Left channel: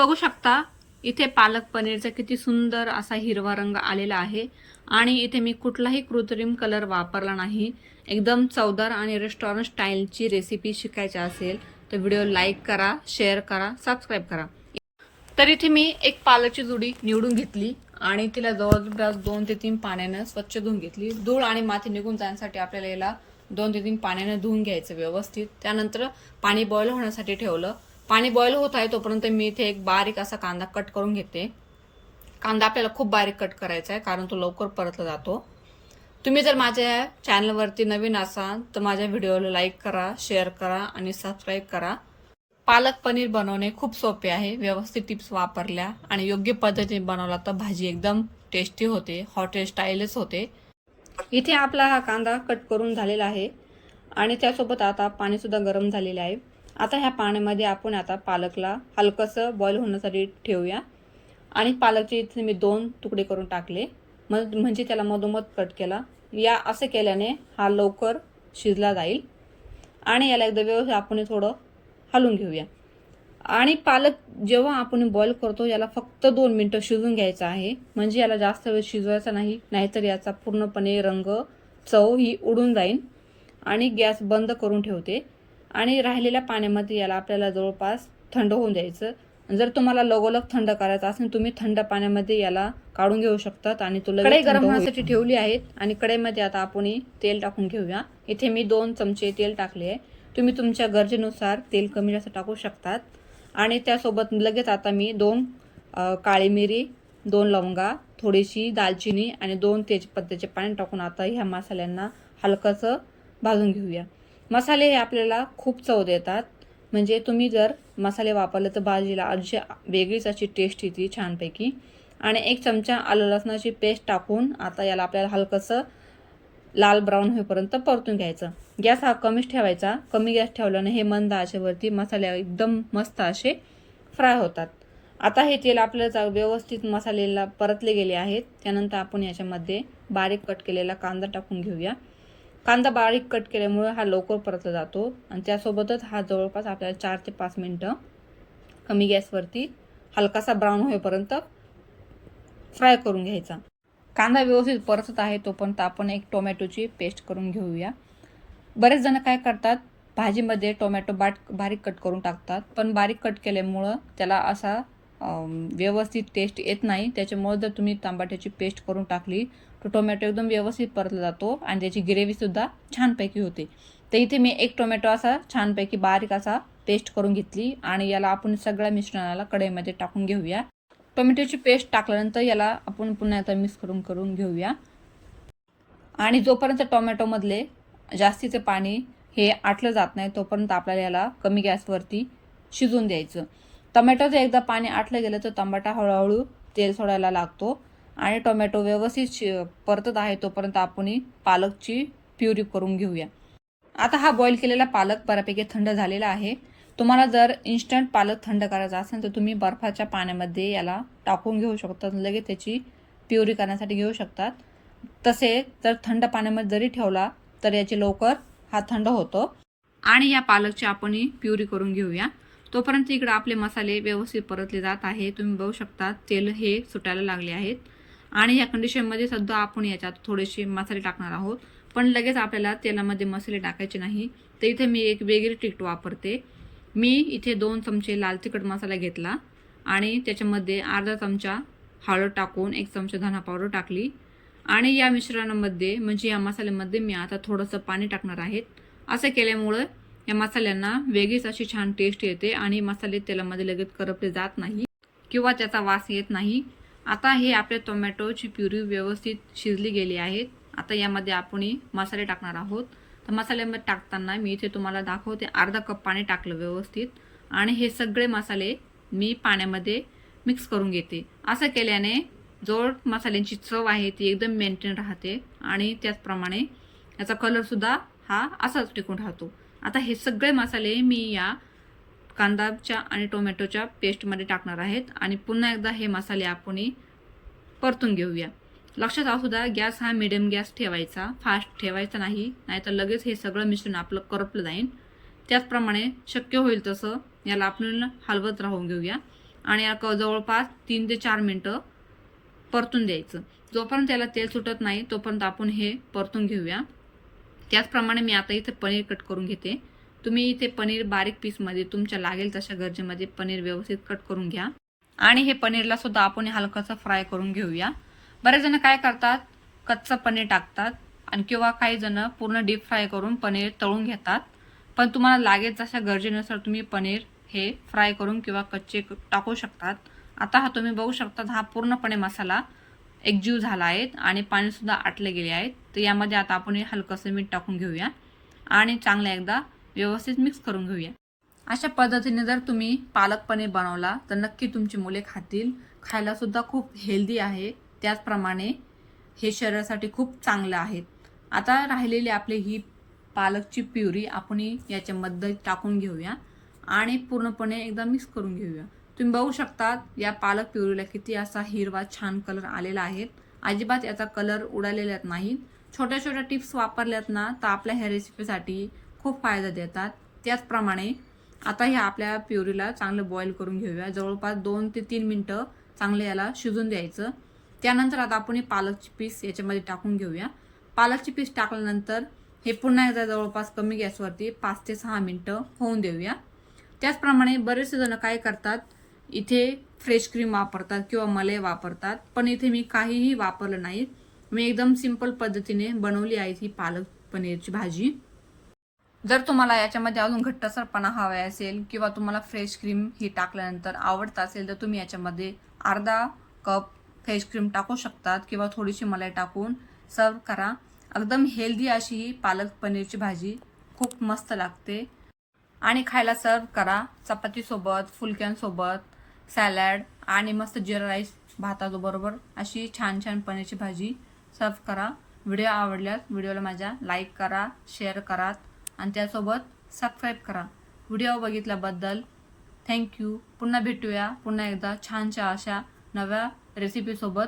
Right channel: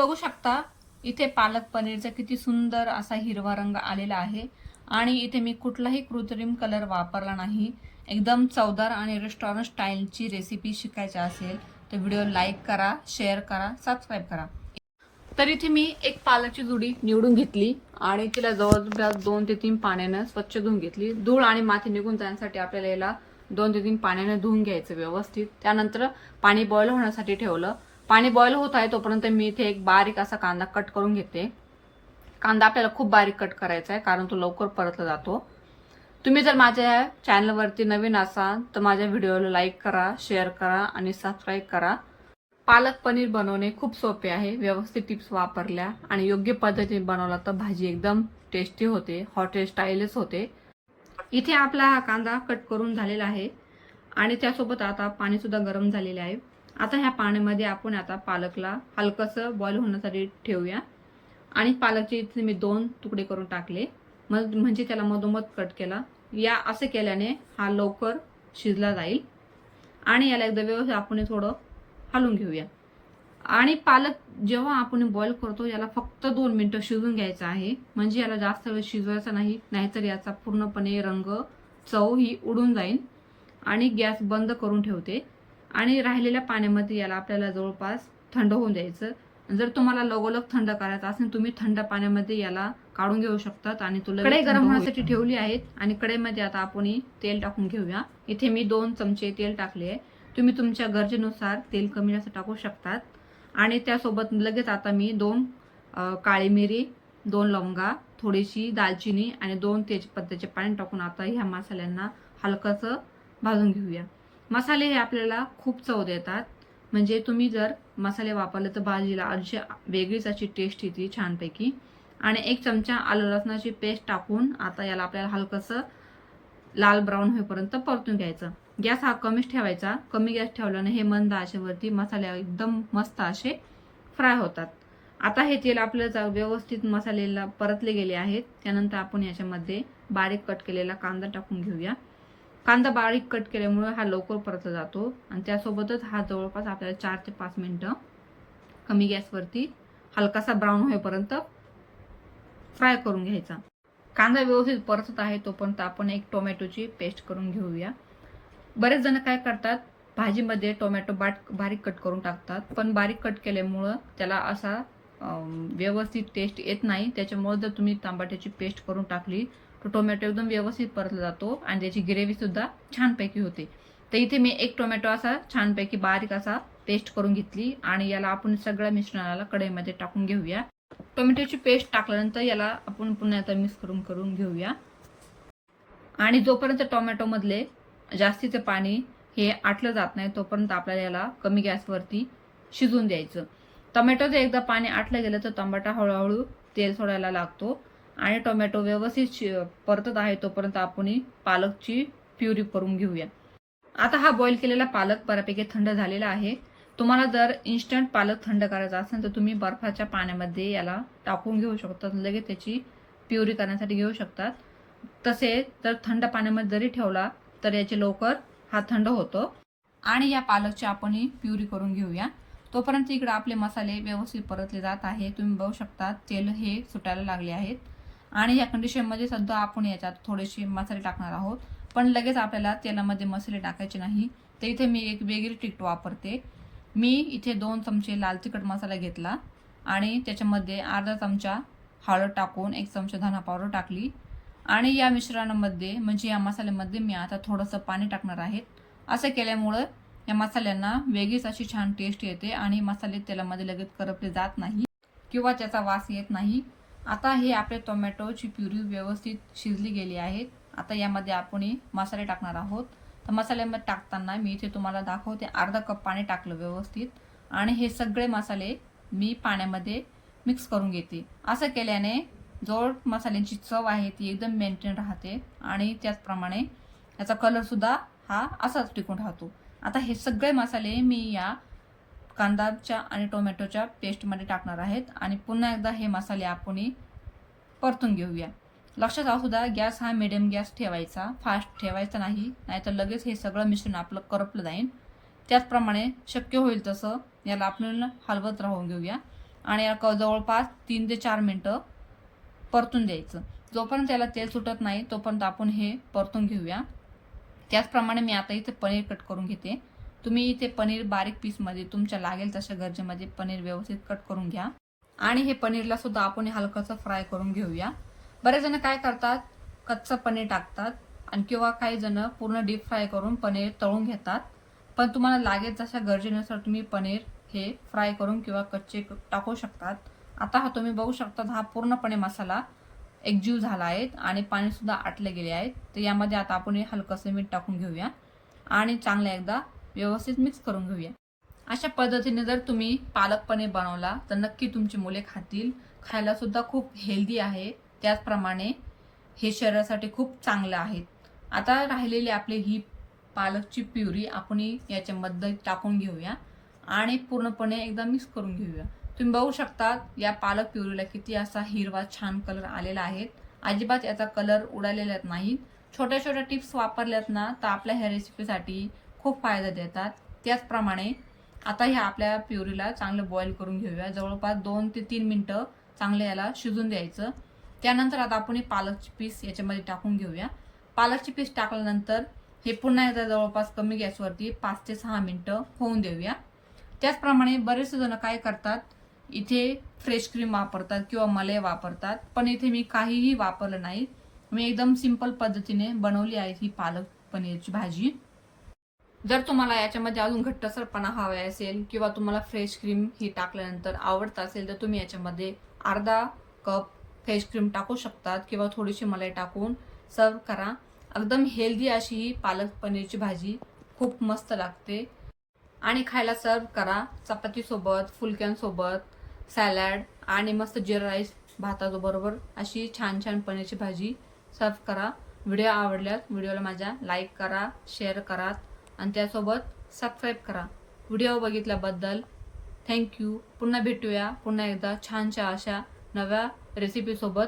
बघू शकता इथे पालक पनीरचा किती सुंदर असा हिरवा रंग आलेला आहे आणि इथे मी कुठलाही कृत्रिम कलर वापरला नाही। एकदम चवदार आणि रेस्टॉरंट स्टाईलची रेसिपी शिकायची असेल तर व्हिडिओ लाईक करा, शेअर करा, सबस्क्राईब करा। तर इथे मी एक पालकची जुडी निवडून घेतली आणि तिला जवळपास 2 ते 3 पाण्याने स्वच्छ धुवून घेतली। धूळ आणि माती निघून जाण्यासाठी आपल्याला याला 2 ते 3 पाण्याने धुवून घ्यायचं व्यवस्थित। त्यानंतर पाणी बॉईल होण्यासाठी ठेवलं। पाणी बॉईल होत आहे तोपर्यंत मी इथे एक बारीक असा कांदा कट करून घेते। कांदा आपल्याला खूप बारीक कट करायचा आहे कारण तो लवकर परतला जातो। तुम्ही जर माझ्या चॅनलवरती नवीन असाल तर माझ्या व्हिडिओला लाईक करा, शेअर करा आणि सबस्क्राईब करा। पालक पनीर बनवणे खूप सोपे आहे। व्यवस्थित टिप्स वापरल्या आणि योग्य पद्धतीने बनवला तर भाजी एकदम टेस्टी होते, हॉटेल स्टाईलच होते। इथे आपला हा कांदा कट करून झालेला आहे आणि त्यासोबत आता पाणी सुद्धा गरम झालेले आहे। आता ह्या पाण्यामध्ये आपण आता पालकला हलकसं बॉईल होण्यासाठी ठेवूया आणि पालकचे इथे मी 2 तुकडे करून टाकले, म्हणजे त्याला मधोमध कट केला। या असे केल्याने हा लवकर शिजला जाईल आणि याला एकदा व्यवस्थित आपण थोडं हलवून घेऊया। आणि पालक जेव्हा आपण बॉईल करतो याला फक्त 2 मिनिटं शिजवून घ्यायचं आहे, म्हणजे याला जास्त वेळ शिजवायचा नाही, नाहीतर याचा पूर्णपणे रंग चव ही उडून जाईल। आणि गॅस बंद करून ठेवते आणि राहिलेल्या पाण्यामध्ये याला आपल्याला जवळपास थंड होऊन द्यायचं। जर तुम्हाला लगोलग थंड करायचं असेल तुम्ही थंड पाण्यामध्ये याला काढून घेऊ शकतात आणि तो लगेच गरम होण्यासाठी ठेवली आहेत। आणि कढईमध्ये आता आपण तेल टाकून घेऊया। इथे मी 2 चमचे तेल टाकले आहे, तुम्ही तुमच्या गरजेनुसार तेल कमी जास्त टाकू शकतात। आणि त्यासोबत लगेच आता मी 2 काळी मिरी, 2 लवंगा, थोडीशी दालचिनी आणि 2 तेजपत्त्याचे पाणी टाकून आता ह्या मसाल्यांना हलकसं भाजून घेऊया। मसाले हे आपल्याला खूप चव देतात, म्हणजे तुम्ही जर मसाले वापरले तर भाजीला अशी वेगळीच अशी टेस्ट येते छानपैकी। आणि 1 चमचा आलं लसणाची पेस्ट टाकून आता याला आपल्याला हलकसं लाल ब्राऊन होईपर्यंत परतून घ्यायचं। गॅस हा कमीच ठेवायचा, कमी गॅस ठेवल्याने हे मंद आचेवरती मसाले एकदम मस्त असे फ्राय होतात। आता हे तेल आपल्याला व्यवस्थित मसाल्याला परतले गेले आहेत। त्यानंतर आपण याच्यामध्ये बारीक कट केलेला कांदा टाकून घेऊया। कांदा बारीक कट केल्यामुळे हा लवकर परतला जातो आणि त्यासोबतच हा जवळपास आपल्याला 4 ते 5 मिनिटं कमी गॅसवरती हलकासा ब्राऊन होईपर्यंत फ्राय करून घ्यायचा। कांदा व्यवस्थित परतत आहे तोपर्यंत आपण एक टोमॅटोची पेस्ट करून घेऊया। बरेच जण काय करतात, भाजीमध्ये टोमॅटो बारीक कट करून टाकतात, पण बारीक कट केल्यामुळं त्याला असा व्यवस्थित टेस्ट येत नाही। त्याच्यामुळे जर तुम्ही टमाट्याची पेस्ट करून टाकली तर टोमॅटो एकदम व्यवस्थित परतला जातो आणि त्याची ग्रेव्ही सुद्धा छानपैकी होते। तर इथे मी 1 टोमॅटो असा छानपैकी बारीक असा पेस्ट करून घेतली आणि याला आपण सगळ्या मिश्रणाला कढईमध्ये टाकून घेऊया। टोमॅटोची पेस्ट टाकल्यानंतर याला आपण पुन्हा आता मिक्स करून घेऊया। आणि जोपर्यंत टोमॅटोमधले जास्तीचं पाणी हे आटलं जात नाही तोपर्यंत आपल्याला याला कमी गॅसवरती शिजवून द्यायचं। टोमॅटोचं एकदा पाणी आटलं गेलं तर टमाटा हळूहळू तेल सोडायला लागतो आणि टोमॅटो व्यवस्थित परतत आहे तोपर्यंत आपण पालकची प्युरी करून घेऊया। आता हा बॉईल केलेला पालक बऱ्यापैकी थंड झालेला आहे। तुम्हाला जर इन्स्टंट पालक थंड करायचा असेल तर तुम्ही बर्फाच्या पाण्यामध्ये याला टाकून घेऊ शकतात, लगेच त्याची प्युरी करण्यासाठी घेऊ शकतात। तसे जर थंड पाण्यामध्ये जरी ठेवला तर याचे लवकर हा थंड होतो। आणि या पालकची आपण प्युरी करून घेऊया। तोपर्यंत इकडे आपले मसाले व्यवस्थित परतले जात आहे। तुम्ही बघू शकता तेल हे सुटायला लागले आहेत आणि या कंडिशनमध्ये सुद्धा आपण याच्यात थोडेसे मसाले टाकणार आहोत, पण लगेच आपल्याला तेलामध्ये मसाले टाकायचे नाही। तर इथे मी एक वेगळी ट्रिक वापरते। मी इथे 2 चमचे लाल तिखट मसाला घेतला आणि त्याच्यामध्ये अर्धा चमचा हळद टाकून 1 चमचा धना पावडर टाकली आणि या मिश्रणामध्ये म्हणजे या मसाल्यामध्ये मी आता थोडंसं पाणी टाकणार आहे। असं केल्यामुळे या मसाल्यांना वेगळीच अशी छान टेस्ट येते आणि मसाले तेलामध्ये लगेच करपले जात नाही किंवा त्याचा वास येत नाही। आता हे आपल्या टोमॅटोची प्युरी व्यवस्थित शिजली गेली आहे। आता यामध्ये आपण मसाले टाकणार आहोत। तर मसाल्यामध्ये टाकताना मी इथे तुम्हाला दाखवते, अर्धा कप पाणी टाकलं व्यवस्थित आणि हे सगळे मसाले मी पाण्यामध्ये मिक्स करून घेते। असं केल्याने जो मसाल्यांची चव आहे ती एकदम मेंटेन राहते आणि त्याचप्रमाणे याचा कलर सुद्धा हा असाच टिकून राहतो। आता हे सगळे मसाले मी या कांदाच्या आणि टोमॅटोच्या पेस्टमध्ये टाकणार आहेत आणि पुन्हा एकदा हे मसाले आपण परतून घेऊया। लक्षात असू द्या गॅस हा मिडियम गॅस ठेवायचा, फास्ट ठेवायचा नाही, नाहीतर लगेच हे सगळं मिश्रण आपलं करपलं जाईल। त्याचप्रमाणे शक्य होईल तसं याला आपण हलवत राहून घेऊया आणि याला जवळपास 3 ते 4 मिनटं परतून द्यायचं. जोपर्यंत त्याला तेल सुटत नाही तोपर्यंत आपण हे परतून घेऊया. त्याचप्रमाणे मी आता इथे पनीर कट करून घेते. तुम्ही इथे पनीर बारीक पीसमध्ये तुमच्या लागेल तशा गरजेमध्ये पनीर व्यवस्थित कट करून घ्या. आणि हे पनीरला सुद्धा आपण हलकंसं फ्राय करून घेऊया. बरेच जण काय करतात, कच्चं पनीर टाकतात आणि किंवा काही जण पूर्ण डीप फ्राय करून पनीर तळून घेतात. पण तुम्हाला लागेल तशा गरजेनुसार तुम्ही पनीर हे फ्राय करून किंवा कच्चे टाकू शकतात. आता हा तुम्ही बघू शकता, हा पूर्णपणे मसाला एकजीव झाला आहे आणि पाणीसुद्धा आटले गेले आहेत. तर यामध्ये आता आपण हे हलकंसं मीठ टाकून घेऊया आणि चांगलं एकदा व्यवस्थित मिक्स करून घेऊया. अशा पद्धतीने जर तुम्ही पालक पनीर बनवला तर नक्की तुमची मुले खातील. खायला सुद्धा खूप हेल्दी आहे. त्याचप्रमाणे हे शरीरासाठी खूप चांगलं आहे. आता राहिलेली आपली ही पालकची प्युरी आपण याच्यामध्ये टाकून घेऊया आणि पूर्णपणे एकदा मिक्स करून घेऊया. तुम्ही बघू शकता या पालक प्युरीला किती असा हिरवा छान कलर आलेला आहे. अजिबात याचा कलर उडालेला नाही. छोट्या छोट्या टिप्स वापरल्यात ना तर आपल्या ह्या रेसिपीसाठी खूप फायदा देतात. त्याचप्रमाणे आता ह्या आपल्या प्युरीला चांगलं बॉईल करून घेऊया. जवळपास 2 ते 3 मिनटं चांगलं याला शिजून द्यायचं. त्यानंतर आता आपण पालकची पीस याच्यामध्ये टाकून घेऊया. पालकची पीस टाकल्यानंतर हे पुन्हा एकदा जवळपास कमी गॅसवरती 5 ते 6 मिनटं होऊन देऊया. त्याचप्रमाणे बरेचसे जण काय करतात, इथे फ्रेश क्रीम वापरतात किंवा मलाई वापरतात. पण इथे मी काहीही वापरलं नाही. मी एकदम सिंपल पद्धतीने बनवली आहे ही पालक पनीरची भाजी. जर तुम्हाला याच्यामध्ये अजून घट्टसरपणा हवा असेल किंवा तुम्हाला फ्रेश क्रीम ही टाकल्यानंतर आवडत असेल तर तुम्ही याच्यामध्ये अर्धा कप फ्रेश क्रीम टाकू शकतात किंवा थोडीशी मलाई टाकून सर्व करा. एकदम हेल्दी अशी ही पालक पनीरची भाजी खूप मस्त लागते आणि खायला सर्व करा चपातीसोबत, फुलक्यांसोबत, सॅलड आणि मस्त जिरा राईस भाताबरोबर अशी छान छान पनीरची भाजी सर्व करा. व्हिडिओ आवडल्यास व्हिडिओला माझ्या लाईक करा, शेअर करा आणि त्यासोबत सबस्क्राईब करा. व्हिडिओ बघितल्याबद्दल थँक्यू. पुन्हा भेटूया पुन्हा एकदा छानशा अशा नव्या रेसिपीसोबत.